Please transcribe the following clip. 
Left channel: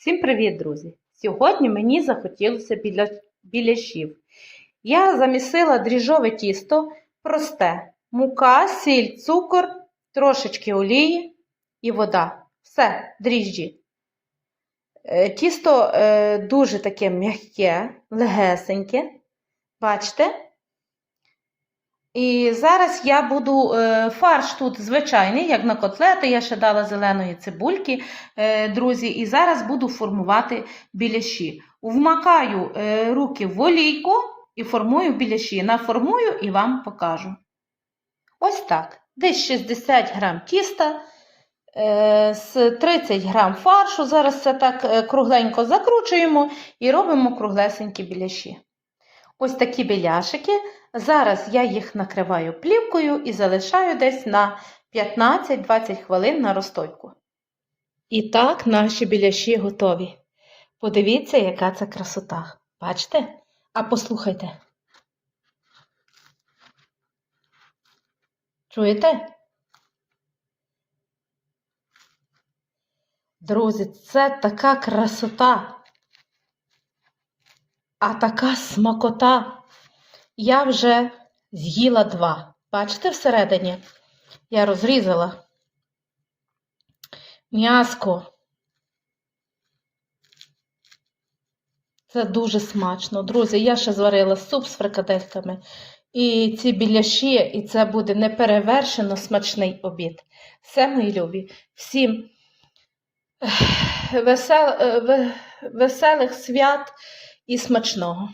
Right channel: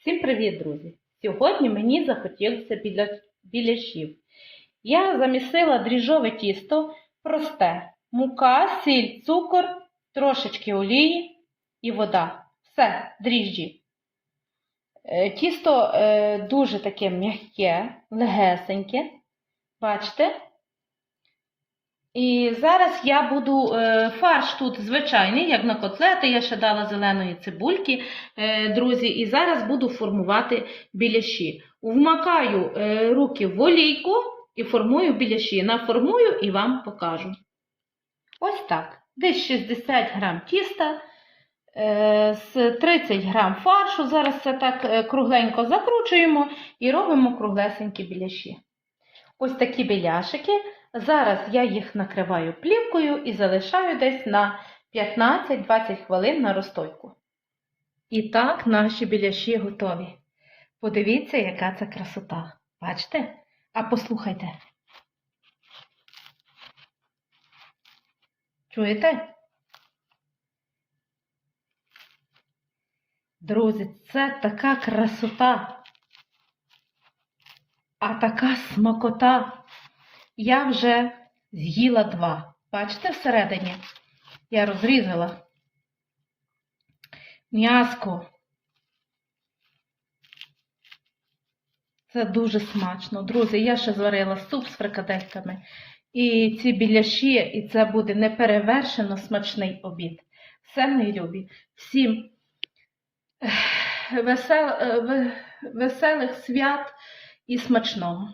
Всім привіт, друзі! Сьогодні мені захотілося біля... біляшів. Я замісила дріжджове тісто, просте, мука, сіль, цукор, трошечки олії і вода. Все, дріжджі. Е, Тісто е, дуже таке м'яке, легесеньке. Бачите? І зараз я буду е, фарш тут звичайний, як на котлети. Я ще дала зеленої цибульки, е, друзі, і зараз буду формувати біляші. Вмакаю е, руки в олійку і формую біляші. Наформую і вам покажу. Ось так. Десь 60 грам тіста, е, з 30 грам фаршу. Зараз це так кругленько закручуємо і робимо круглесенькі біляші. Ось такі біляшики. Зараз я їх накриваю плівкою і залишаю десь на 15-20 хвилин на розстойку. І так наші біляші готові. Подивіться, яка це красота. Бачите? А послухайте. Чуєте? Друзі, це така красота, а така смакота. Я вже з'їла два. Бачите всередині? Я розрізала м'яско. Це дуже смачно. Друзі, я ще зварила суп з фрикадельками. І ці біляші, і це буде неперевершено смачний обід. Все, мої любі. Всім весел, е, веселих свят і смачного.